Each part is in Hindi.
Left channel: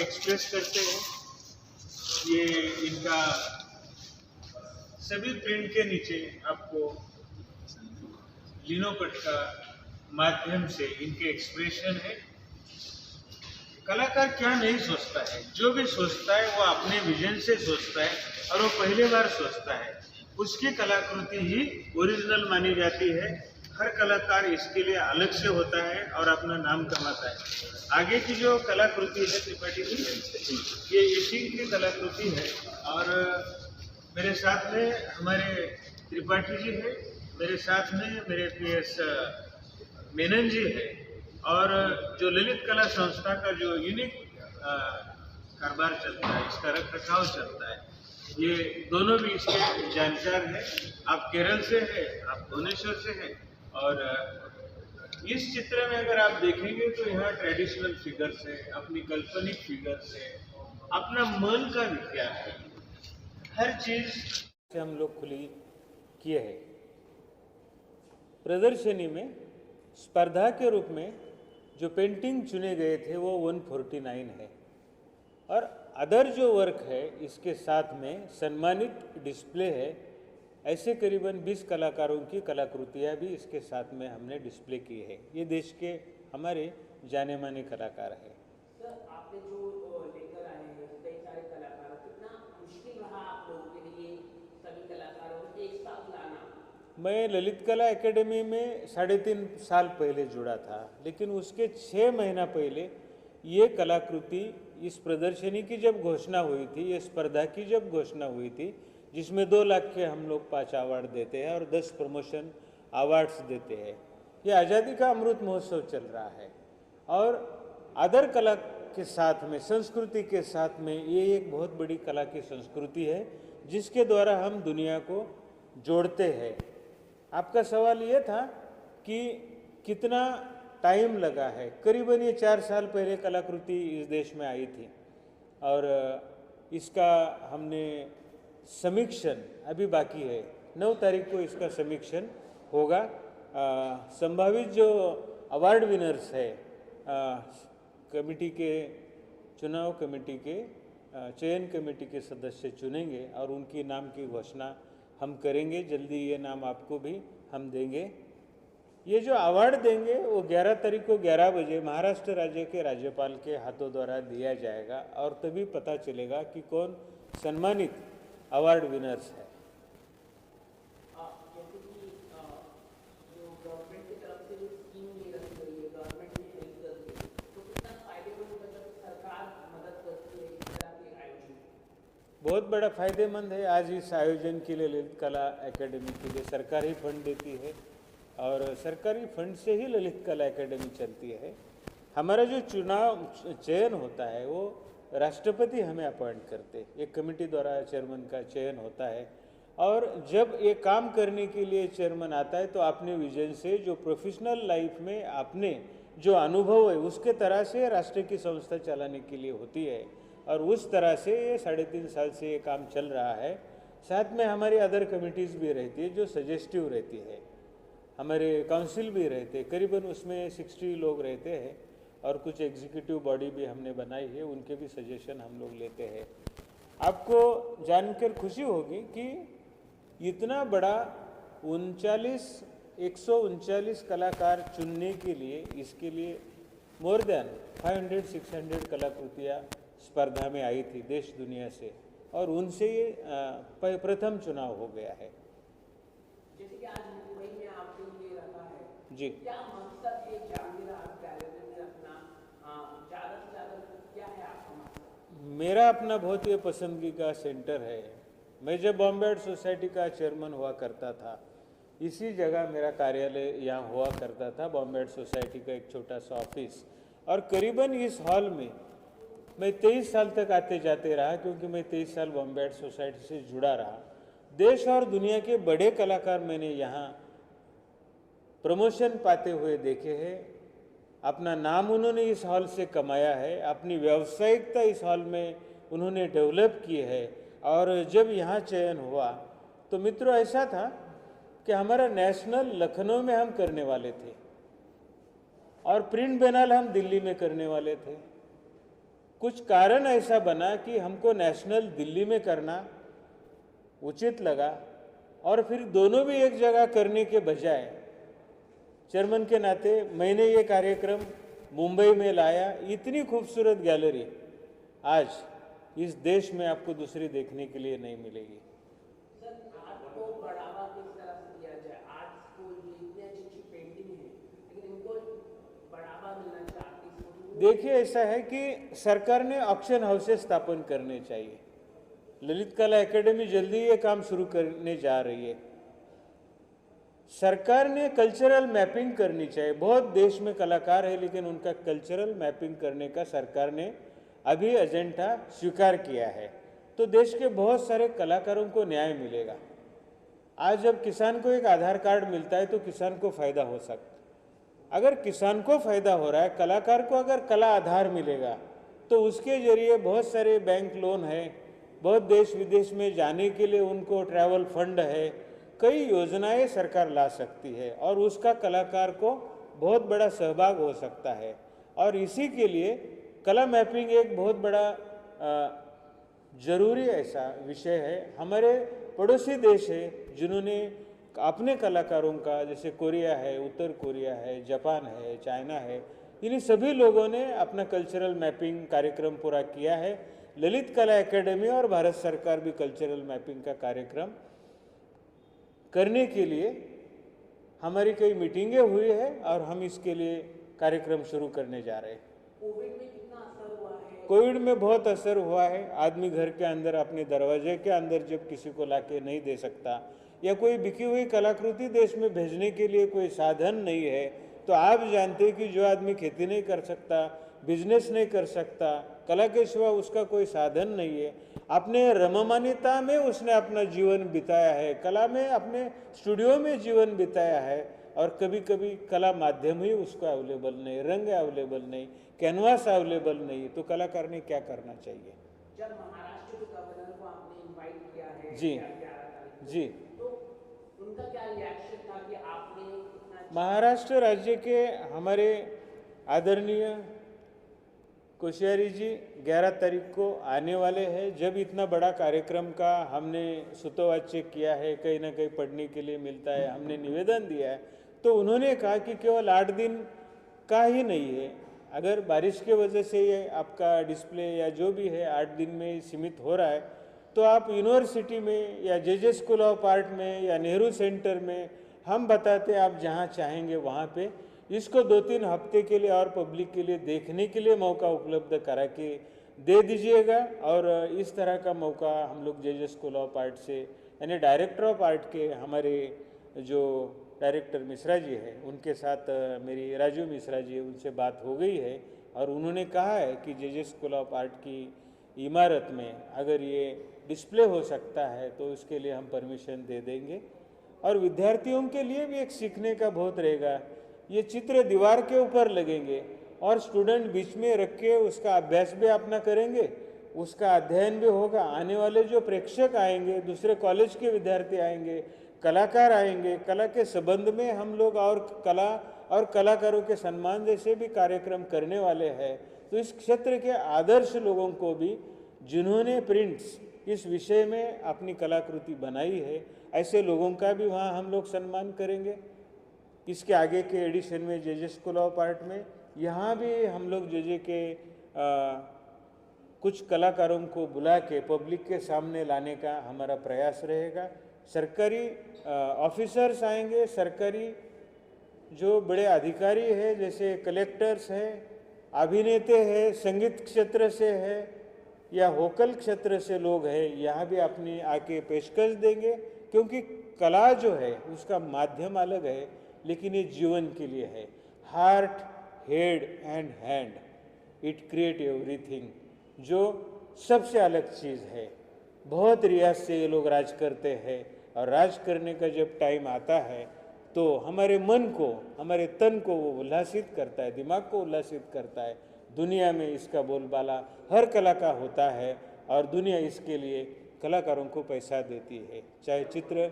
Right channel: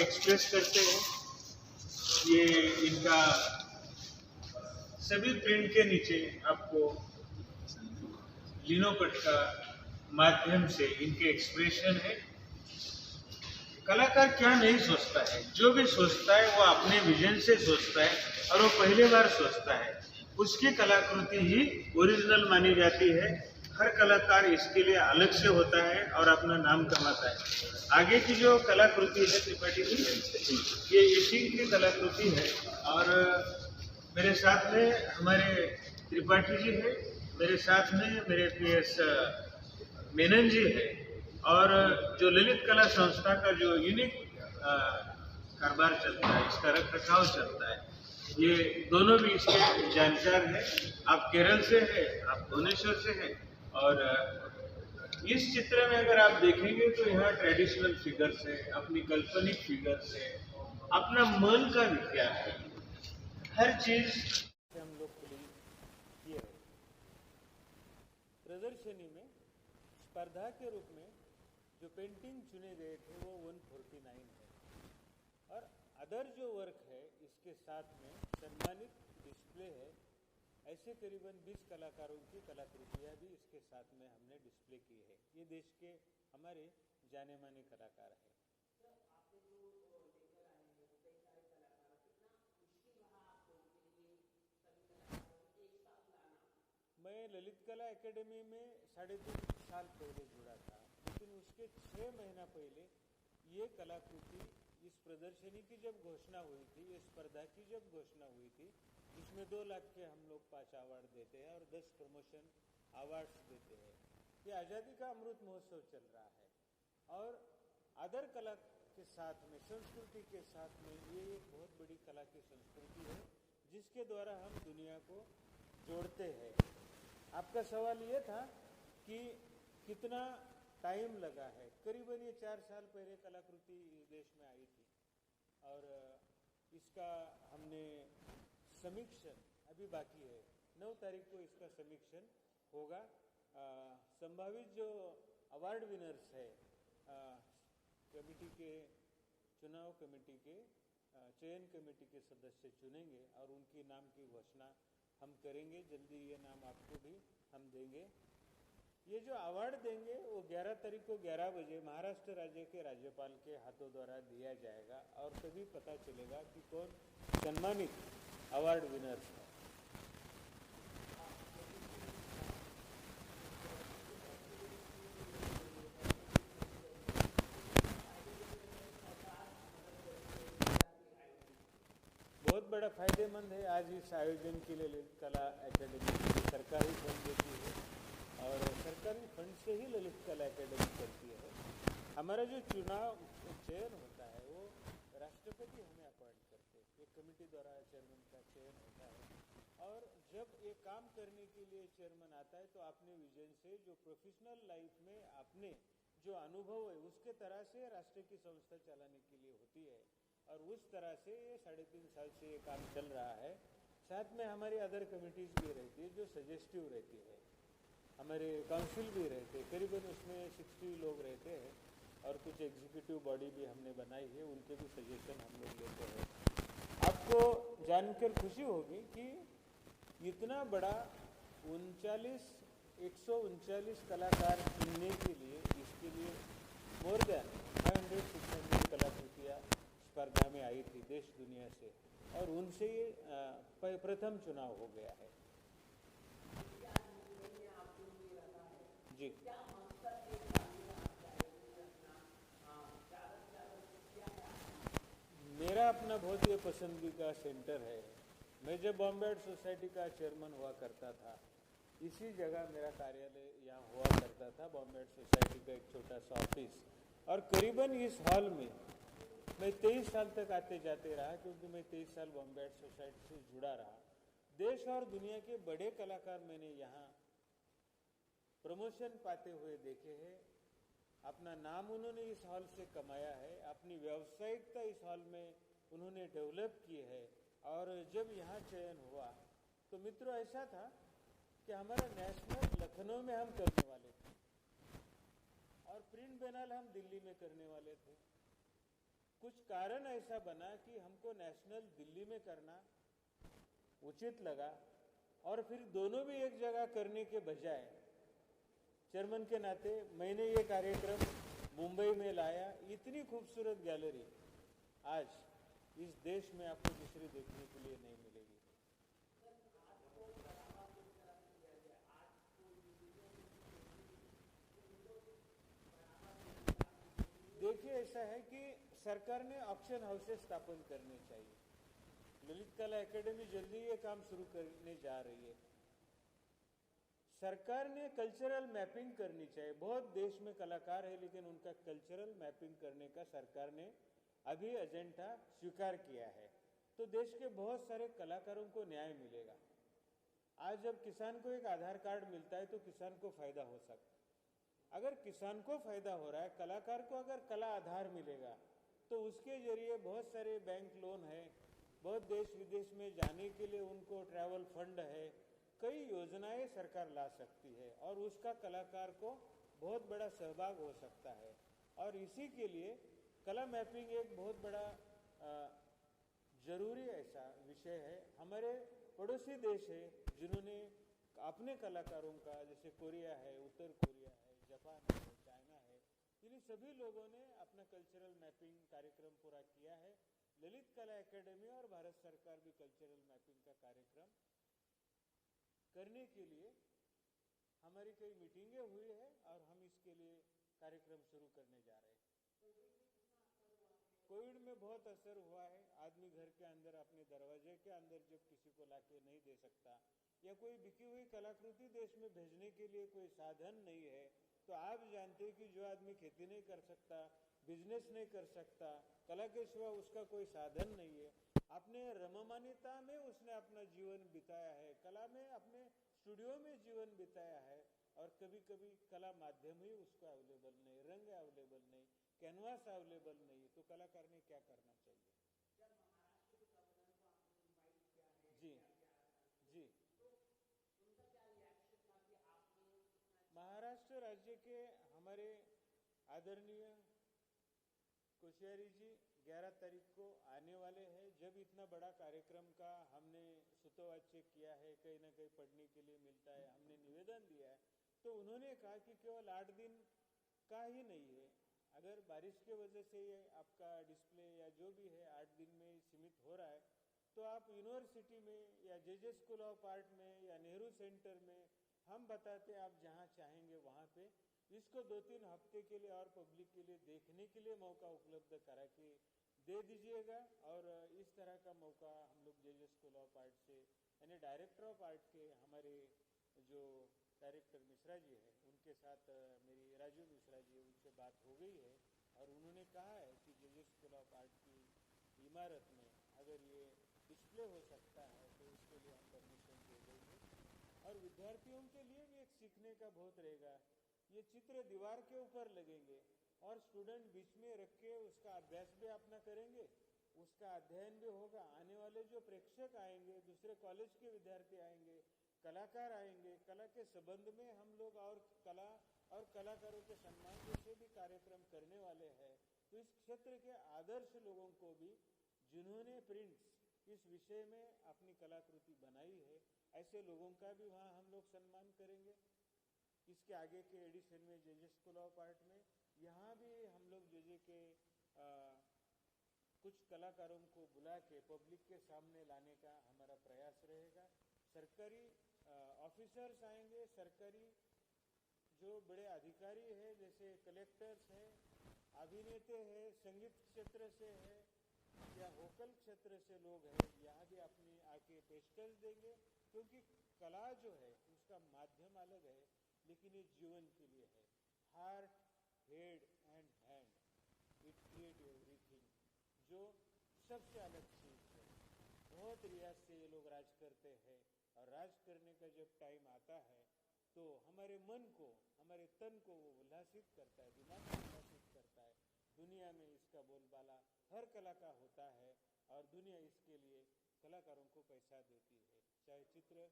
एक्सप्रेस करते हैं। ये इनका सभी प्रिंट के नीचे आपको लिनोकट का माध्यम से इनके एक्सप्रेशन है। कलाकार क्या नहीं सोचता है, जो भी सोचता है वो अपने विजन से सोचता है और वो पहली बार सोचता है, उसकी कलाकृति ही ओरिजिनल मानी जाती है। हर कलाकार इसके लिए अलग से होता है और अपना नाम कमाता है। आगे की जो कलाकृति है त्रिपाठी जी, ये एशिंग की कलाकृति है और मेरे साथ में हमारे त्रिपाठी जी है, मेरे साथ में मेरे PS मेनन जी है और जो ललित कला संस्था का जो यूनिक कारोबार चलता है, इसका रख रखाव चलता है, ये दोनों भी इसके जानकार हैं। आप केरल से हैं, आप भुवनेश्वर से हैं और इस चित्र में अगर आप देखेंगे तो यहाँ ट्रेडिशनल फिगर्स है, अपनी काल्पनिक फिगर्स है, अपना मन का विज्ञान है, हर चीज से हम लोग खुली किए हैं। प्रदर्शनी में स्पर्धा के रूप में जो पेंटिंग चुने गए थे वो 149 है और अदर जो वर्क है इसके साथ में सम्मानित डिस्प्ले है। ऐसे करीबन 20 कलाकारों की कलाकृतियाँ भी इसके साथ में हमने डिस्प्ले की है। ये देश के हमारे जाने माने कलाकार हैं। सर, आपने जो लेकर आए हैं कई सारे कलाकार, कितना मुश्किल रहा आप लोगों के लिए सभी कलाकारों को एक साथ लाना? मैं ललित कला एकेडमी में 3.5 साल पहले जुड़ा था, लेकिन उसके 6 महीना पहले ये कलाकृति, इस प्रदर्शनी की जब घोषणा हुई थी, ये स्पर्धा की जब घोषणा हुई थी, जिसमें 2 लाख के हम लोग 5 अवार्ड देते हैं और 10 प्रमोशन अवार्ड्स देते हैं। ये आज़ादी का अमृत महोत्सव चल रहा है और अदर कला के साथ में, संस्कृति के साथ में, ये एक बहुत बड़ी कला की संस्कृति है जिसके द्वारा हम दुनिया को जोड़ते हैं। आपका सवाल ये था कि कितना टाइम लगा है। करीबन ये 4 साल पहले कलाकृति इस देश में आई थी और इसका हमने समीक्षण अभी बाकी है। 9 तारीख को इसका समीक्षण होगा। संभावित जो अवार्ड विनर्स है, कमेटी के, चुनाव कमेटी के, चयन कमेटी के सदस्य चुनेंगे और उनकी नाम की घोषणा हम करेंगे। जल्दी ये नाम आपको भी हम देंगे। ये जो अवार्ड देंगे वो 11 तारीख को 11 बजे महाराष्ट्र राज्य के राज्यपाल के हाथों द्वारा दिया जाएगा और तभी पता चलेगा कि कौन सम्मानित अवार्ड विनर्स है। बहुत बड़ा फायदेमंद है। आज इस आयोजन के लिए ललित कला एकेडमी के लिए सरकारी फंड देती है और सरकारी फंड से ही ललित कला एकेडमी चलती है। हमारा जो चयन होता है वो राष्ट्रपति हमें अपॉइंट करते, एक कमेटी द्वारा चेयरमैन का चयन होता है और जब ये काम करने के लिए चेयरमैन आता है तो अपने विजन से, जो प्रोफेशनल लाइफ में आपने जो अनुभव है उसके तरह से राष्ट्र की संस्था चलाने के लिए होती है और उस तरह से ये 3.5 साल से ये काम चल रहा है। साथ में हमारी अदर कमिटीज़ भी रहती है जो सजेस्टिव रहती है, हमारे काउंसिल भी रहते हैं, करीबन उसमें 60 लोग रहते हैं और कुछ एग्जीक्यूटिव बॉडी भी हमने बनाई है, उनके भी सजेशन हम लोग लेते हैं। आपको जानकर खुशी होगी कि इतना बड़ा 139 कलाकार चुनने के लिए, इसके लिए मोर देन 500-600 कलाकृतियाँ स्पर्धा में आई थी देश दुनिया से और उनसे ये प्रथम चुनाव हो गया है। जी, मेरा अपना बहुत ही पसंदगी का सेंटर है। मैं जब बॉम्बे आर्ट सोसाइटी का चेयरमैन हुआ करता था, इसी जगह मेरा कार्यालय यहाँ हुआ करता था, बॉम्बे आर्ट सोसाइटी का एक छोटा सा ऑफिस। और करीबन इस हॉल में मैं 23 साल तक आते जाते रहा, क्योंकि मैं 23 साल बॉम्बे आर्ट सोसाइटी से जुड़ा रहा। देश और दुनिया के बड़े कलाकार मैंने यहाँ प्रमोशन पाते हुए देखे हैं। अपना नाम उन्होंने इस हॉल से कमाया है, अपनी व्यावसायिकता इस हॉल में उन्होंने डेवलप की है। और जब यहाँ चयन हुआ तो मित्रों ऐसा था कि हमारा नेशनल लखनऊ में हम करने वाले थे और प्रिंट बेनाल हम दिल्ली में करने वाले थे। कुछ कारण ऐसा बना कि हमको नेशनल दिल्ली में करना उचित लगा, और फिर दोनों भी एक जगह करने के बजाय चेयरमैन के नाते मैंने ये कार्यक्रम मुंबई में लाया। इतनी खूबसूरत गैलरी आज इस देश में आपको दूसरी देखने के लिए नहीं मिलेगी। सर, आर्ट को बढ़ावा किस तरह से दिया जाए? आर्ट स्कूल में इतनी अच्छी अच्छी पेंटिंग है, लेकिन इनको बढ़ावा मिलना चाहिए। देखिए, ऐसा है कि सरकार ने ऑक्शन हाउसेस स्थापन करने चाहिए। ललित कला एकेडमी जल्दी ये काम शुरू करने जा रही है। सरकार ने कल्चरल मैपिंग करनी चाहिए। बहुत देश में कलाकार है, लेकिन उनका कल्चरल मैपिंग करने का सरकार ने अभी एजेंडा स्वीकार किया है, तो देश के बहुत सारे कलाकारों को न्याय मिलेगा। आज जब किसान को एक आधार कार्ड मिलता है तो किसान को फायदा हो सकता है। अगर किसान को फायदा हो रहा है, कलाकार को अगर कला आधार मिलेगा तो उसके जरिए बहुत सारे बैंक लोन है, बहुत देश विदेश में जाने के लिए उनको ट्रैवल फंड है, कई योजनाएं सरकार ला सकती है, और उसका कलाकार को बहुत बड़ा सहभाग हो सकता है। और इसी के लिए कला मैपिंग एक बहुत बड़ा जरूरी ऐसा विषय है। हमारे पड़ोसी देश है जिन्होंने अपने कलाकारों का, जैसे कोरिया है, उत्तर कोरिया है, जापान है, चाइना है, इन सभी लोगों ने अपना कल्चरल मैपिंग कार्यक्रम पूरा किया है। ललित कला एकेडमी और भारत सरकार भी कल्चरल मैपिंग का कार्यक्रम करने के लिए हमारी कई मीटिंगें हुई है, और हम इसके लिए कार्यक्रम शुरू करने जा रहे हैं। कोविड में कितना असर हुआ है? कोविड में बहुत असर हुआ है। आदमी घर के अंदर, अपने दरवाजे के अंदर जब किसी को लाके नहीं दे सकता, या कोई बिकी हुई कलाकृति देश में भेजने के लिए कोई साधन नहीं है, तो आप जानते हैं कि जो आदमी खेती नहीं कर सकता, बिजनेस नहीं कर सकता, कला के सिवा उसका कोई साधन नहीं है, अपने रममानिता में उसने अपना जीवन बिताया है, कला में अपने स्टूडियो में जीवन बिताया है, और कभी कभी कला माध्यम ही उसको अवेलेबल नहीं, रंग अवेलेबल नहीं, कैनवास अवेलेबल नहीं, तो कलाकार ने क्या करना चाहिए। जब महाराष्ट्र के गवर्नर को आपने इनवाइट किया है जी 11 तारीख को, जी, तो उनका क्या रिएक्शन था कि आपने इतना अच्छा? महाराष्ट्र राज्य के हमारे आदरणीय कोश्यारी जी 11 तारीख को आने वाले हैं। जब इतना बड़ा कार्यक्रम का हमने सूतोवाच्य किया है, कहीं ना कहीं पढ़ने के लिए मिलता है, हमने निवेदन दिया है, तो उन्होंने कहा कि केवल 8 दिन का ही नहीं है, अगर बारिश के वजह से ये आपका डिस्प्ले या जो भी है 8 दिन में सीमित हो रहा है, तो आप यूनिवर्सिटी में या जे स्कूल ऑफ आर्ट में या नेहरू सेंटर में, हम बताते हैं, आप जहाँ चाहेंगे वहाँ पे इसको 2-3 हफ्ते के लिए और पब्लिक के लिए देखने के लिए मौका उपलब्ध करा के दे दीजिएगा। और इस तरह का मौका हम लोग जे स्कूल ऑफ आर्ट से, यानी डायरेक्टर ऑफ आर्ट के हमारे जो डायरेक्टर मिश्रा जी है, उनके साथ मेरी राजू मिश्रा जी, उनसे बात हो गई है, और उन्होंने कहा है कि जे स्कूल ऑफ आर्ट की इमारत में अगर ये डिस्प्ले हो सकता है तो उसके लिए हम परमिशन दे देंगे। और विद्यार्थियों के लिए भी एक सीखने का बहुत रहेगा। ये चित्र दीवार के ऊपर लगेंगे और स्टूडेंट बीच में रख के उसका अभ्यास भी अपना करेंगे, उसका अध्ययन भी होगा। आने वाले जो प्रेक्षक आएंगे, दूसरे कॉलेज के विद्यार्थी आएंगे, कलाकार आएंगे, कला के संबंध में हम लोग और कला और कलाकारों के सम्मान जैसे भी कार्यक्रम करने वाले हैं। तो इस क्षेत्र के आदर्श लोगों को भी, जिन्होंने प्रिंट्स इस विषय में अपनी कलाकृति बनाई है, ऐसे लोगों का भी वहाँ हम लोग सम्मान करेंगे। इसके आगे के एडिशन में जे स्कूल ऑफ आर्ट में, यहाँ भी हम लोग जे के कुछ कलाकारों को बुला के पब्लिक के सामने लाने का हमारा प्रयास रहेगा। सरकारी ऑफिसर्स आएंगे, सरकारी जो बड़े अधिकारी हैं, जैसे कलेक्टर्स हैं, अभिनेते हैं, संगीत क्षेत्र से है या वोकल क्षेत्र से लोग हैं, यहाँ भी अपनी आके पेशकश देंगे। क्योंकि कला जो है उसका माध्यम अलग है, लेकिन ये जीवन के लिए है। Heart, head and hand, it create everything, जो सबसे अलग चीज़ है। बहुत रियाज से ये लोग राज करते हैं, और राज करने का जब टाइम आता है तो हमारे मन को, हमारे तन को वो उल्लासित करता है, दिमाग को उल्लासित करता है। दुनिया में इसका बोलबाला हर कला का होता है, और दुनिया इसके लिए कलाकारों को पैसा देती है, चाहे चित्र।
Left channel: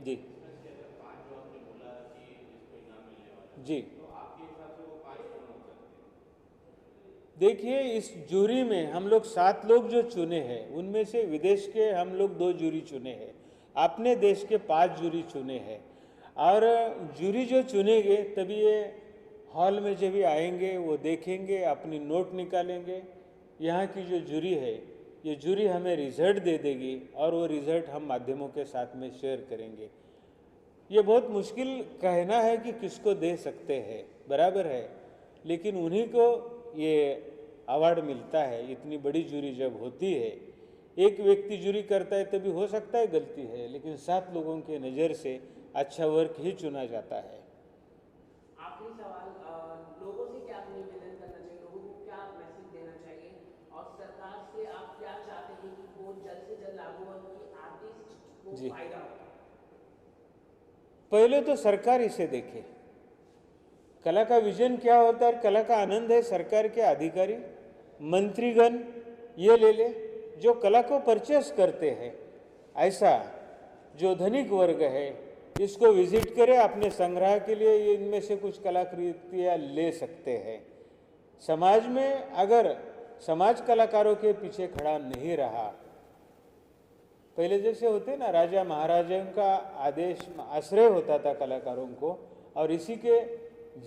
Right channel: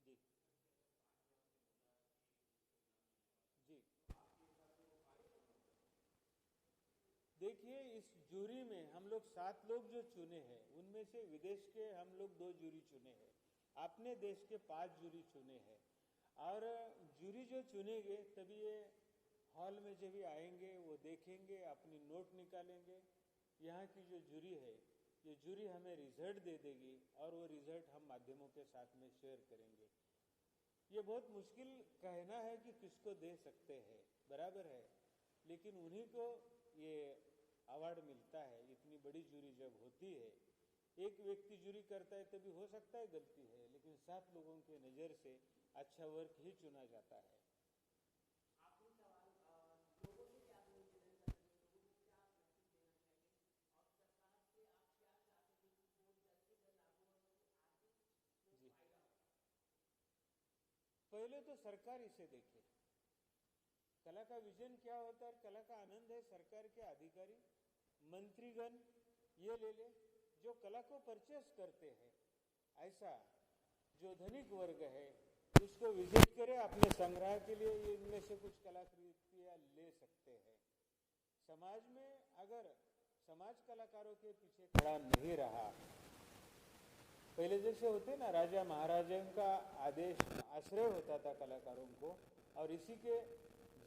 जी जी, देखिए, इस जूरी में हम लोग 7 लोग जो चुने हैं, उनमें से विदेश के हम लोग 2 जूरी चुने हैं, अपने देश के 5 जूरी चुने हैं। और जूरी जो चुनेंगे तभी ये हॉल में जब भी आएंगे वो देखेंगे, अपनी नोट निकालेंगे। यहाँ की जो जूरी है, ये जूरी हमें रिजल्ट दे देगी और वो रिजल्ट हम माध्यमों के साथ में शेयर करेंगे। ये बहुत मुश्किल कहना है कि किसको दे सकते हैं, बराबर है, लेकिन उन्हीं को ये अवार्ड मिलता है। इतनी बड़ी जूरी जब होती है, एक व्यक्ति जूरी करता है तभी हो सकता है गलती है, लेकिन 7 लोगों के नज़र से अच्छा वर्क ही चुना जाता है। आखिरी सवाल, लोगों से क्या निवेदन करना चाहिए, लोगों को क्या मैसेज देना चाहिए, और सरकार से आप क्या चाहते हैं कि वो जल्द से जल्द लागू हो कि आर्टिस्ट को जी, फायदा हो? पहले तो सरकार इसे देखे, कला का विजन क्या होता है, कला का आनंद है। सरकार के अधिकारी मंत्रीगण ये ले ले, जो कला को परचेस करते हैं, ऐसा जो धनिक वर्ग है इसको विजिट करे, अपने संग्रह के लिए ये इनमें से कुछ कलाकृतियाँ ले सकते हैं। समाज में अगर समाज कलाकारों के पीछे खड़ा नहीं रहा, पहले जैसे होते ना, राजा महाराजाओं का आदेश आश्रय होता था कलाकारों को, और इसी के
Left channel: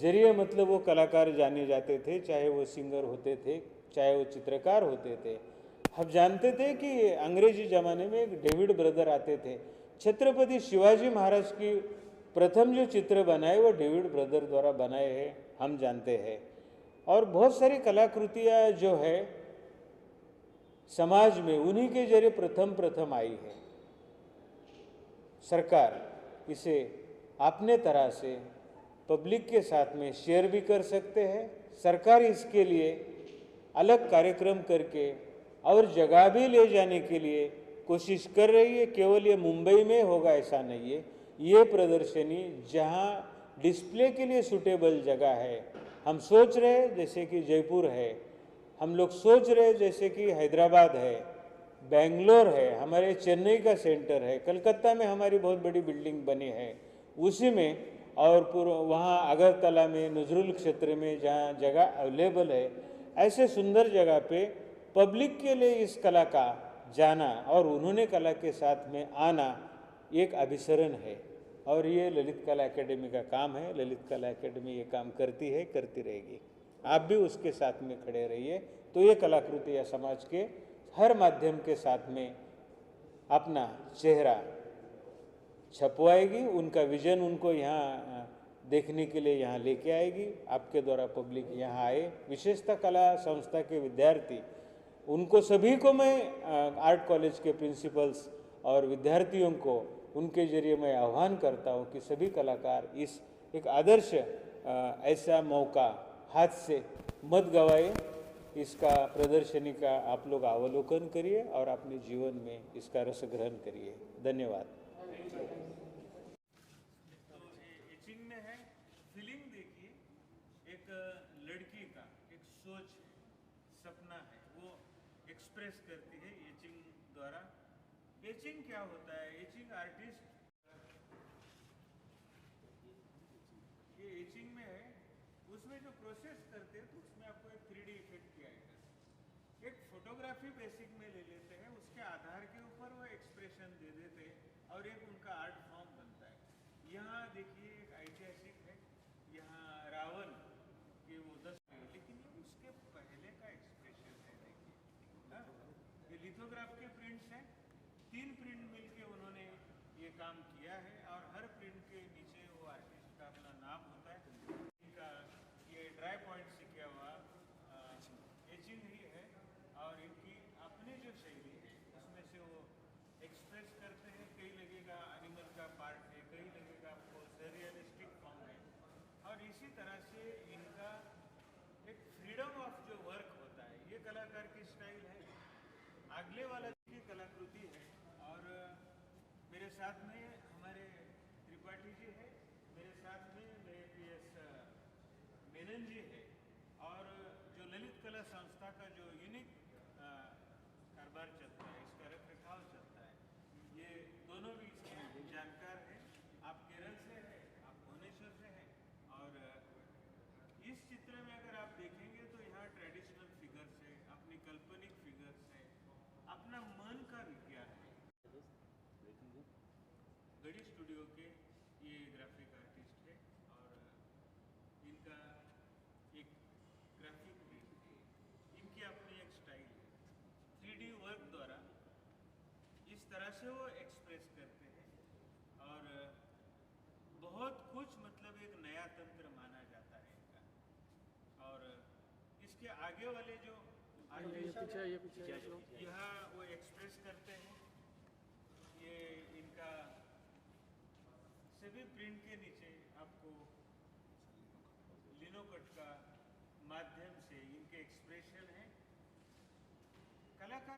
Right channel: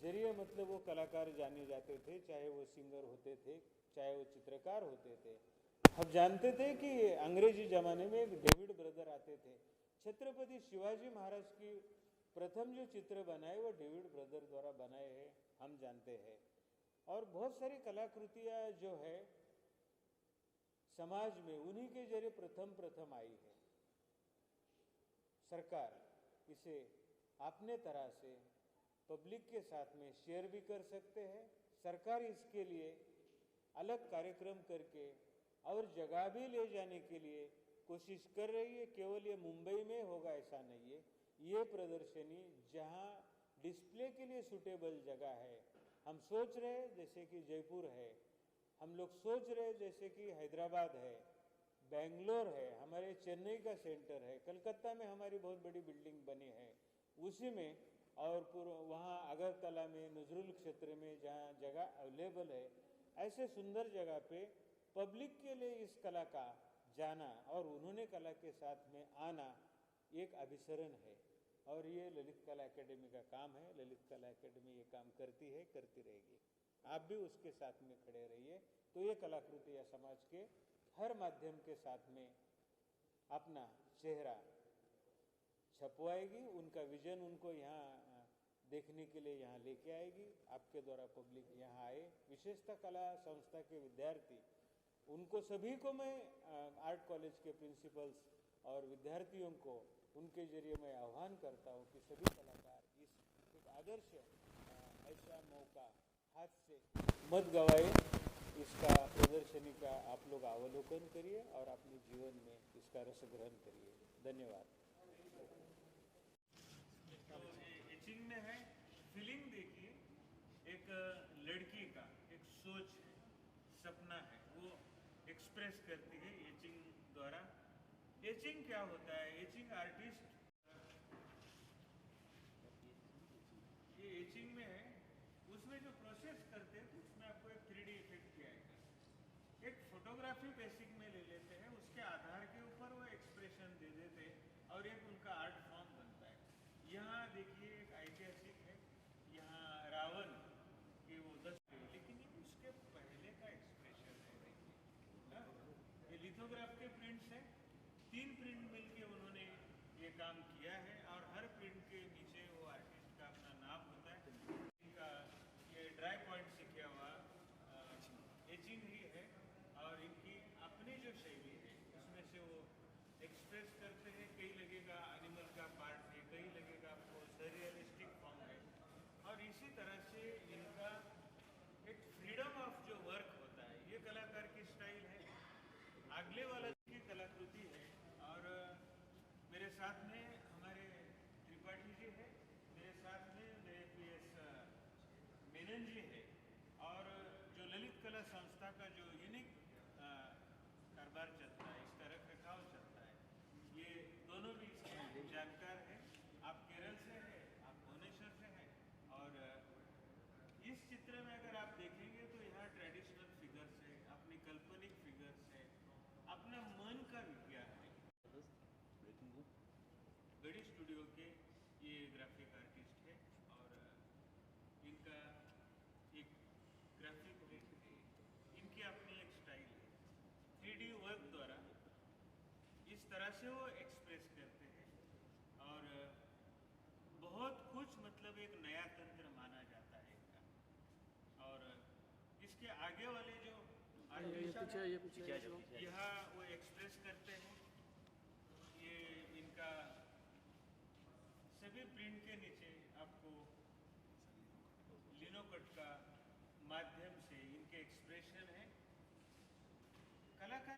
जरिए मतलब वो कलाकार जाने जाते थे, चाहे वो सिंगर होते थे, चाहे वो चित्रकार होते थे। हम जानते थे कि अंग्रेजी ज़माने में एक डेविड ब्रदर आते थे। छत्रपति शिवाजी महाराज की प्रथम जो चित्र बनाए वो डेविड ब्रदर द्वारा बनाए हैं, हम जानते हैं। और बहुत सारी कलाकृतियाँ जो है समाज में उन्हीं के जरिए प्रथम आई है। सरकार इसे अपने तरह से पब्लिक के साथ में शेयर भी कर सकते हैं। सरकार इसके लिए अलग कार्यक्रम करके और जगह भी ले जाने के लिए कोशिश कर रही है। केवल ये मुंबई में होगा ऐसा नहीं है, ये प्रदर्शनी जहाँ डिस्प्ले के लिए सूटेबल जगह है, हम सोच रहे हैं जैसे कि जयपुर है, हम लोग सोच रहे हैं जैसे कि हैदराबाद है, बेंगलोर है, हमारे चेन्नई का सेंटर है, कलकत्ता में हमारी बहुत बड़ी बिल्डिंग बनी है उसी में, और वहाँ अगरतला में नजरुल क्षेत्र में जहाँ जगह अवेलेबल है, ऐसे सुंदर जगह पे पब्लिक के लिए इस कला का जाना और उन्होंने कला के साथ में आना एक अभिसरण है। और ये ललित कला एकेडमी का काम है। ललित कला एकेडमी ये काम करती है, करती रहेगी। आप भी उसके साथ में खड़े रहिए, तो ये कलाकृति या समाज के हर माध्यम के साथ में अपना चेहरा छपवाएगी, उनका विजन उनको यहाँ देखने के लिए यहाँ लेके आएगी। आपके द्वारा पब्लिक यहाँ आए, विशेषतः कला संस्था के विद्यार्थी, उनको सभी को मैं आर्ट कॉलेज के प्रिंसिपल्स और विद्यार्थियों को उनके जरिए मैं आह्वान करता हूँ कि सभी कलाकार इस एक आदर्श ऐसा मौका हाथ से मत गवाए। इसका प्रदर्शनी का आप लोग अवलोकन करिए और अपने जीवन में इसका रस ग्रहण करिए। धन्यवाद। तो एचिंग में है, फीलिंग देखिए, एक लड़की का एक सोच है, सपना है, वो एक्सप्रेस करती है एचिंग द्वारा। एचिंग क्या होता है? एचिंग आर्टिस्ट, ये एचिंग में है, उसमें जो प्रोसेस करते हैं तो उसमें आपको एक 3D इफेक्ट भी आएगा। एक फोटोग्राफी बेसिक में ले लेते हैं, उसके आधार के ऊपर वो एक्सप्रेशन दे देते हैं और एक उनका आर्ट फॉर्म बनता है। यहाँ देखिए एक ऐतिहासिक है, यहाँ रावण के वो 10, लेकिन ये उसके पहले का एक्सप्रेशन है। देखिए हाँ? ये लिथोग्राफ के प्रिंट्स हैं, 3 प्रिंट मिलके उन्होंने ये काम किया है और हर प्रिंट के नीचे वो आर्टिस्ट का अपना नाम होता है। इनका ये ड्राई पॉइंट से किया हुआ एचिंग ही है और इनकी अपनी जो शैली है उसमें से वो एक्सप्रेस करते हैं। कहीं लगेगा एनिमल का पार्ट है, कहीं लगेगा आपको सररियलिस्टिक फॉर्म है, और इसी तरह से इनका एक फ्रीडम ऑफ जो वर्क होता है, ये कलाकार की स्टाइल है। अगले वाला की कलाकृति है और मेरे साथ में हमारे त्रिपाठी जी है, मेरे साथ में मेरे PS मेनन जी है, और जो ललित कला संस्था का जो यूनिक कारोबार चलता है, इसका रख रखाव चलता है, ये दोनों भी इसके जानकार हैं। आप केरल से हैं, आप भुवनेश्वर से हैं, और इस चित्र में अगर आप देखेंगे तो यहाँ ट्रेडिशनल फिगर अपना मन का विज्ञान है। गढ़ी स्टूडियो के ये ग्राफिक आर्टिस्ट है और इनका एक ग्राफिक प्रिंट है, इनकी अपनी एक स्टाइल है। 3D वर्क द्वारा इस तरह से वो एक्सप्रेस करते हैं और बहुत कुछ मतलब एक नया तंत्र माना जाता है इनका। और इसके आगे वाले जो आर्टिस्ट यहाँ वो एक्सप्रेस करते हैं, ये इनका सभी प्रिंट के नीचे आपको लिनोकट का माध्यम से इनके एक्सप्रेशन है। कलाकार